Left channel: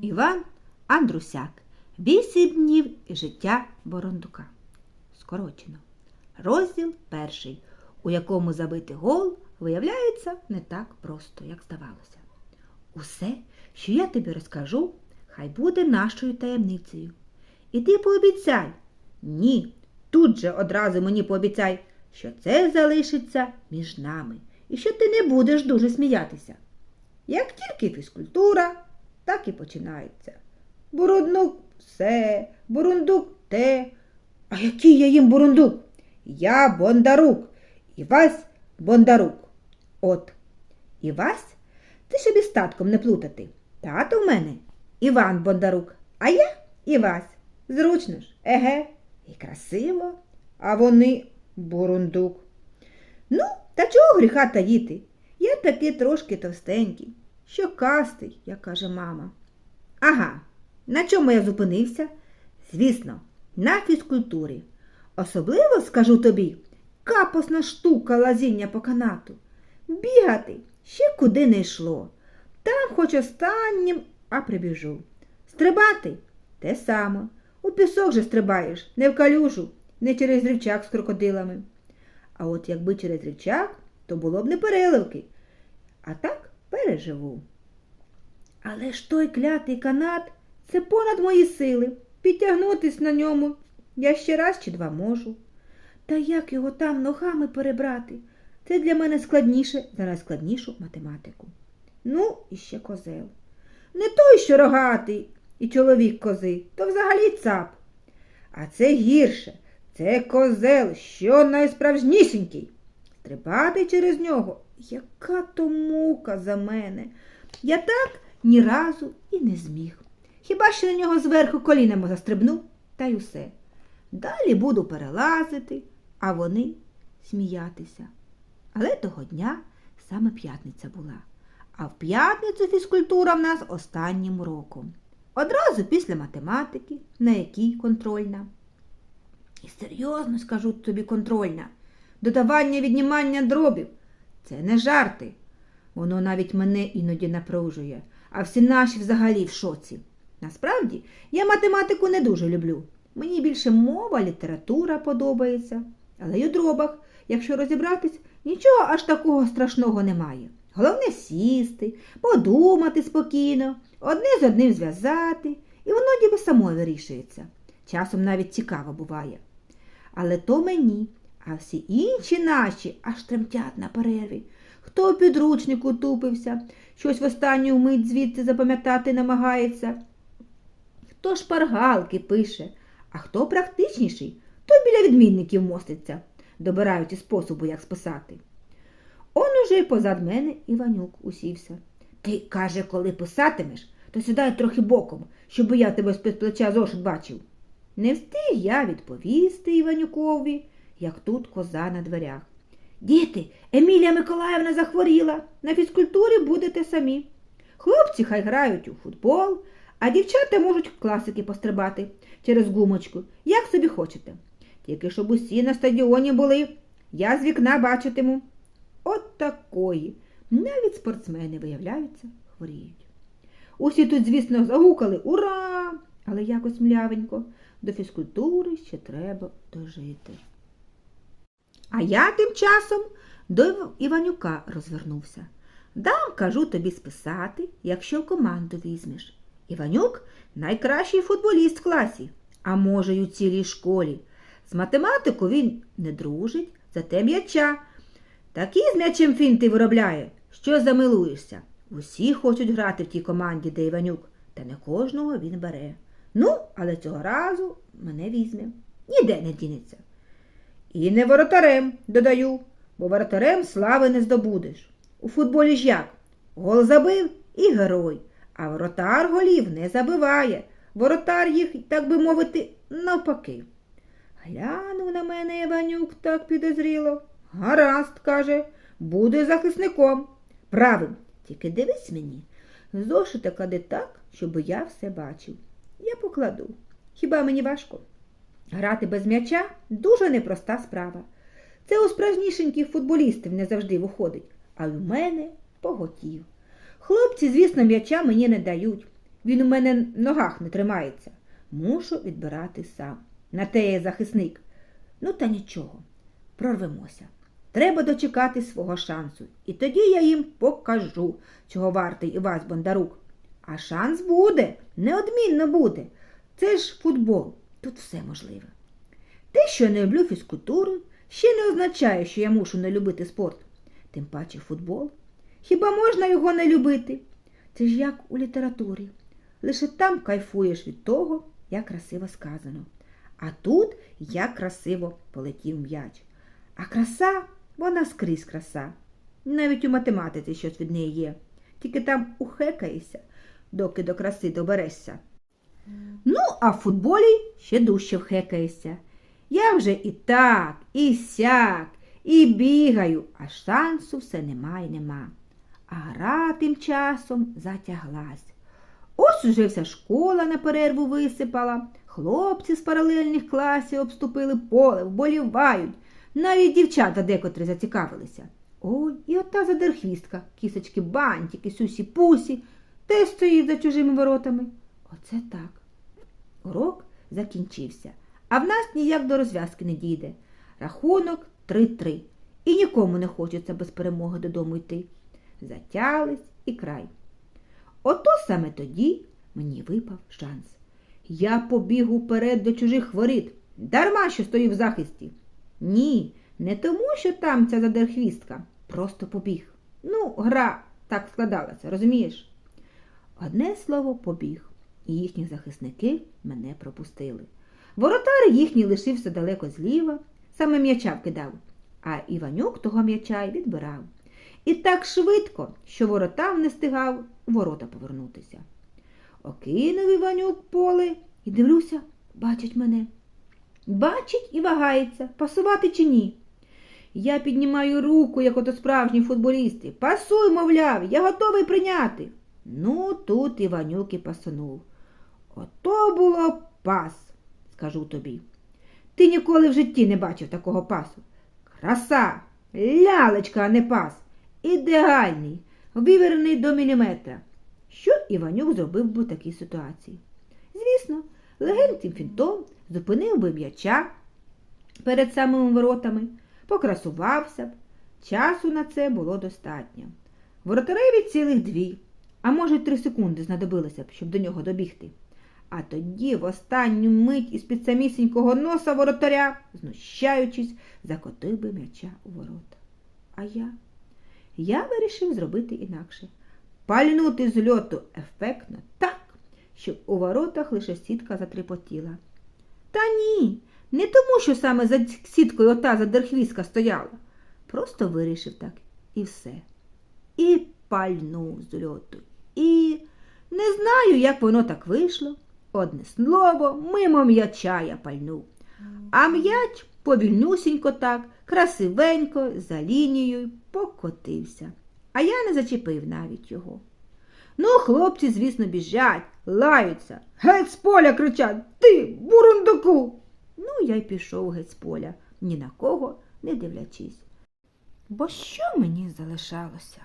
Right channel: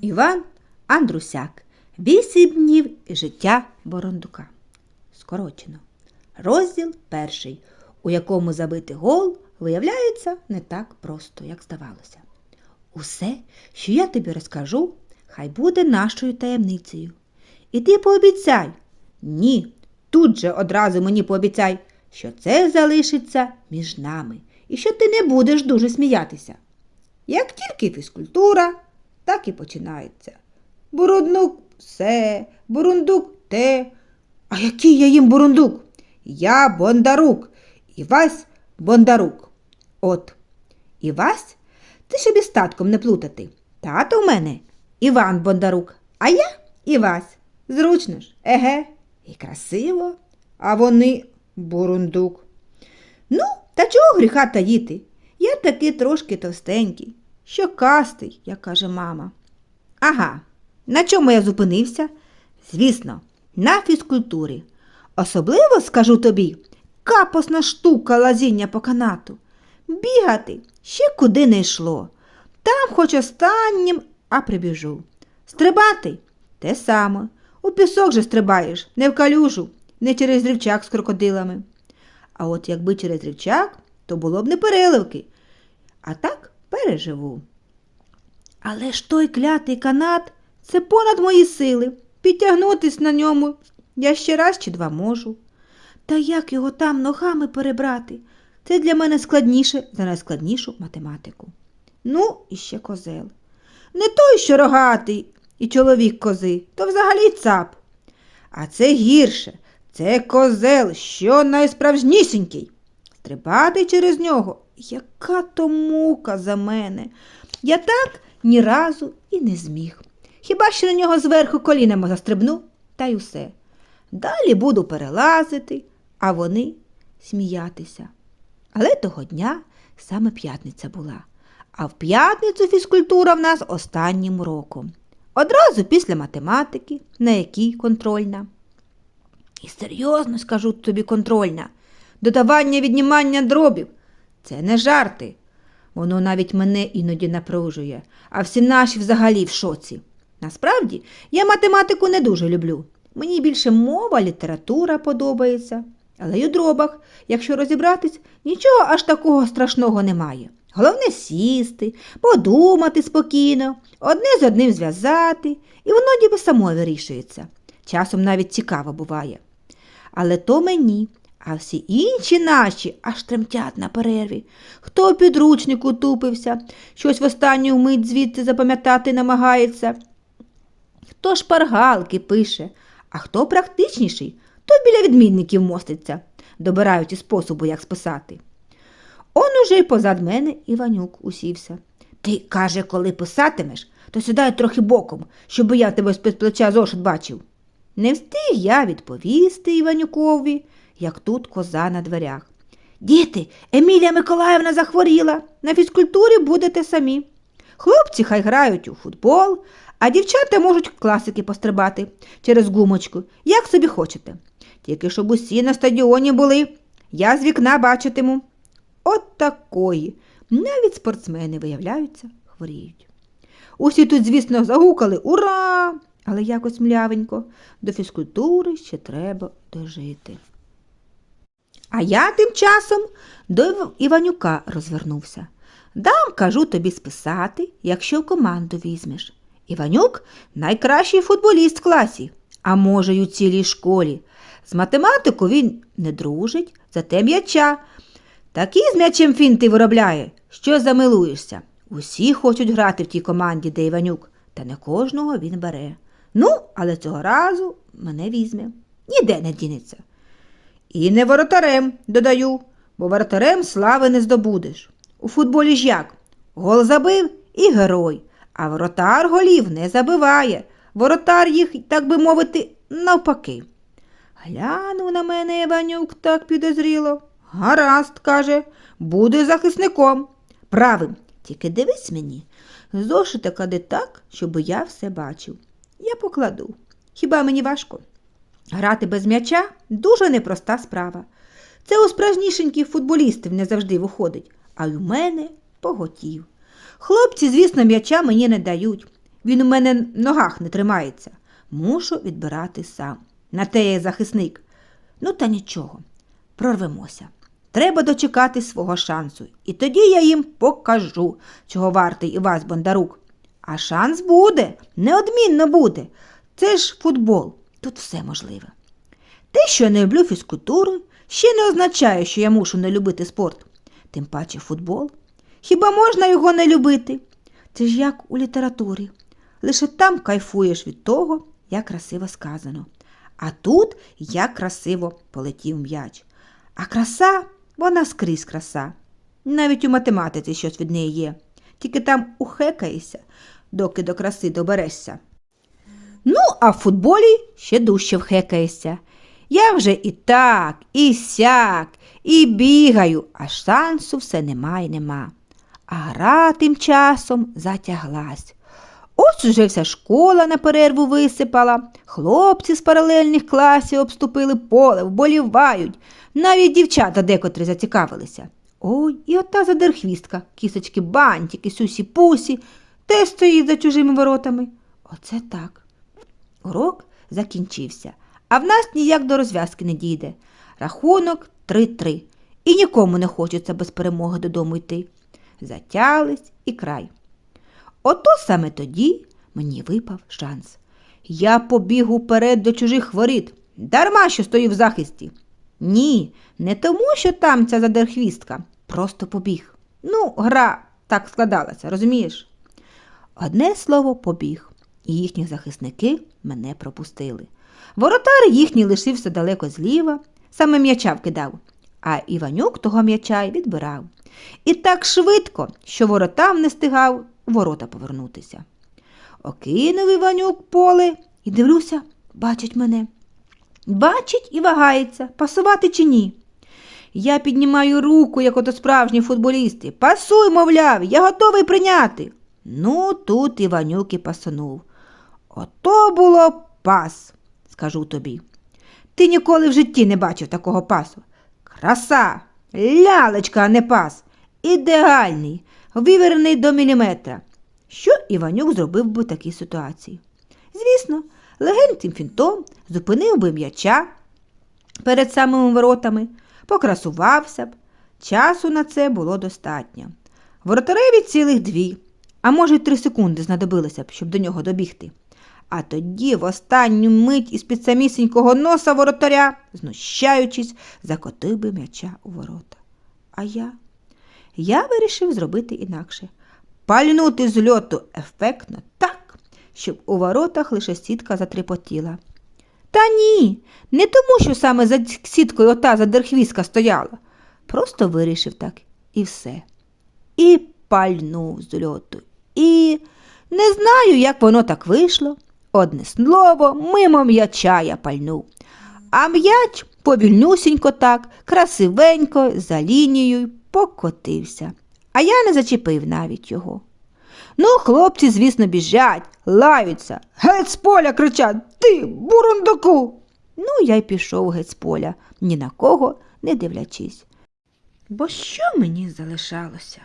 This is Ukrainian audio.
Іван Андрусяк. Вісім днів життя Борондука. Скорочено. Розділ перший, у якому забити гол виявляється не так просто, як здавалося. Усе, що я тобі розкажу, хай буде нашою таємницею. І ти пообіцяй. Ні, тут же одразу мені пообіцяй, що це залишиться між нами і що ти не будеш дуже сміятися. Як тільки фізкультура, так і починається. Бурундук все, бурундук те. А який я їм бурундук? Я Бондарук, Івась Бондарук. От, Івась, ти щоб із татком не плутати. Тато в мене Іван Бондарук, а я Івась. Зручно ж, еге, і красиво, а вони бурундук. Ну, та чого гріха таїти? Я таки трошки товстенький, що кастий, як каже мама. Ага, на чому я зупинився? Звісно, на фізкультурі. Особливо, скажу тобі, капосна штука лазіння по канату. Бігати ще куди не йшло. Там хоч останнім, а прибіжу. Стрибати те саме. У пісок же стрибаєш, не в калюжу, не через рівчак з крокодилами. А от якби через рівчак, то було б не переливки. А так переживу. Але ж той клятий канат це понад мої сили. Підтягнутись на ньому я ще раз чи два можу. Та як його там ногами перебрати? Це для мене складніше за найскладнішу математику. Ну, і ще козел. Не той, що рогатий і чоловік кози, то взагалі цап. А це гірше, це козел, що найсправжнісінький. Стрибати через нього, яка то мука за мене. Я так ні разу і не зміг. Хіба що на нього зверху колінами застрибну, та й усе. Далі буду перелазити, а вони сміятися. Але того дня саме п'ятниця була, а в п'ятницю фізкультура в нас останнім роком. Одразу після математики, на якій контрольна. І серйозно скажу тобі контрольна. Додавання віднімання дробів. Це не жарти. Воно навіть мене іноді напружує, а всі наші взагалі в шоці. Насправді, я математику не дуже люблю. Мені більше мова, література подобається. Але й у дробах, якщо розібратись, нічого аж такого страшного немає. Головне сісти, подумати спокійно, одне з одним зв'язати, і воно ніби само вирішується. Часом навіть цікаво буває. Але то мені, а всі інші наші аж тремтять на перерві. Хто підручнику тупився, щось в останню мить звідти запам'ятати намагається. Хто шпаргалки пише, а хто практичніший, то біля відмінників моститься, добираючи способу, як списати. Он уже й позад мене Іванюк усівся. Ти, каже, коли писатимеш, то сідай трохи боком, щоб я тебе з-під плеча зошит бачив. Не встиг я відповісти Іванюкові, як тут коза на дверях. Діти, Емілія Миколаївна захворіла. На фізкультурі будете самі. Хлопці хай грають у футбол, а дівчата можуть класики пострибати через гумочку, як собі хочете. Тільки щоб усі на стадіоні були, я з вікна бачитиму. От такої. Навіть спортсмени, виявляються, хворіють. Усі тут, звісно, загукали Ура! Але якось млявенько, до фізкультури ще треба дожити. А я тим часом до Іванюка розвернувся. Дам, кажу тобі списати, якщо в команду візьмеш. Іванюк найкращий футболіст в класі, а може, й у цілій школі. З математику він не дружить, зате м'яча. Такі з м'ячем фінти виробляє, що замилуєшся. Усі хочуть грати в тій команді, де Іванюк, та не кожного він бере. Ну, але цього разу мене візьме. Ніде не дінеться. І не воротарем, додаю, бо воротарем слави не здобудеш. У футболі ж як? Гол забив і герой, а воротар голів не забиває. Воротар їх, так би мовити, навпаки. Глянув на мене Іванюк так підозріло. Гаразд, каже, буде захисником. Правим, тільки дивись мені. Зошита клади так, щоб я все бачив. Я покладу. Хіба мені важко? Грати без м'яча дуже непроста справа. Це у справжнішеньких футболістів не завжди виходить, а й у мене поготів. Хлопці, звісно, м'яча мені не дають. Він у мене в ногах не тримається. Мушу відбирати сам. На те я захисник. Ну, та нічого, прорвемося. Треба дочекати свого шансу. І тоді я їм покажу, чого вартий Івась Бондарук. А шанс буде, неодмінно буде. Це ж футбол, тут все можливе. Те, що я не люблю фізкультуру, ще не означає, що я мушу не любити спорт. Тим паче футбол. Хіба можна його не любити? Це ж як у літературі. Лише там кайфуєш від того, як красиво сказано. А тут як красиво полетів м'яч. А краса, вона скрізь краса. Навіть у математиці щось від неї є. Тільки там ухекаєшся, доки до краси доберешся. А в футболі ще дужче вхекаєшся. Я вже і так, і сяк, і бігаю, а шансу все нема й нема. А гра тим часом затяглась. Ось уже вся школа на перерву висипала, хлопці з паралельних класів обступили поле, вболівають. Навіть дівчата декотрі зацікавилися. Ой, і ота задерхвістка, кісочки бантики, сюсі пусі, теж стоїть за чужими воротами. Оце так. Урок закінчився, а в нас ніяк до розв'язки не дійде. Рахунок 3-3. І нікому не хочеться без перемоги додому йти. Затялись і край. Ото саме тоді мені випав шанс. Я побіг уперед до чужих воріт, дарма що стою в захисті. Ні, не тому, що там ця задерхвістка, просто побіг. Ну, гра так складалася, розумієш? Одне слово побіг, і їхні захисники мене пропустили. Воротар їхній лишився далеко зліва, саме м'яча вкидав, а Іванюк того м'яча й відбирав. І так швидко, що воротам не стигав ворота повернутися. Окинув Іванюк поле і дивлюся, бачить мене. Бачить і вагається, пасувати чи ні. Я піднімаю руку, як ото справжні футболісти. Пасуй, мовляв, я готовий прийняти. Ну, тут Іванюк і пасанув. Ото було пас, скажу тобі. Ти ніколи в житті не бачив такого пасу. Краса, лялечка, а не пас. Ідеальний, виверений до міліметра. Що Іванюк зробив би в такій ситуації? Звісно, легеньким фінтом зупинив би м'яча перед самими воротами, покрасувався б. Часу на це було достатньо. Воротареві цілих дві, а може й три секунди знадобилося б, щоб до нього добігти. А тоді в останню мить із під самісінького носа воротаря, знущаючись, закотив би м'яча у ворота. А я? Я вирішив зробити інакше. Пальнути з льоту ефектно так, щоб у воротах лише сітка затріпотіла. Та ні, не тому, що саме за сіткою ота задерхвістка стояла. Просто вирішив так і все. І пальнув з льоту. І не знаю, як воно так вийшло. Одне слово, мимо м'яча я пальнув. А м'яч повільнюсінько так, красивенько, за лінією покотився. А я не зачепив навіть його. Ну, хлопці, звісно, біжать, лаються, геть з поля кричать Ти, бурундуку. Ну, я й пішов геть з поля, ні на кого не дивлячись. Бо що мені залишалося?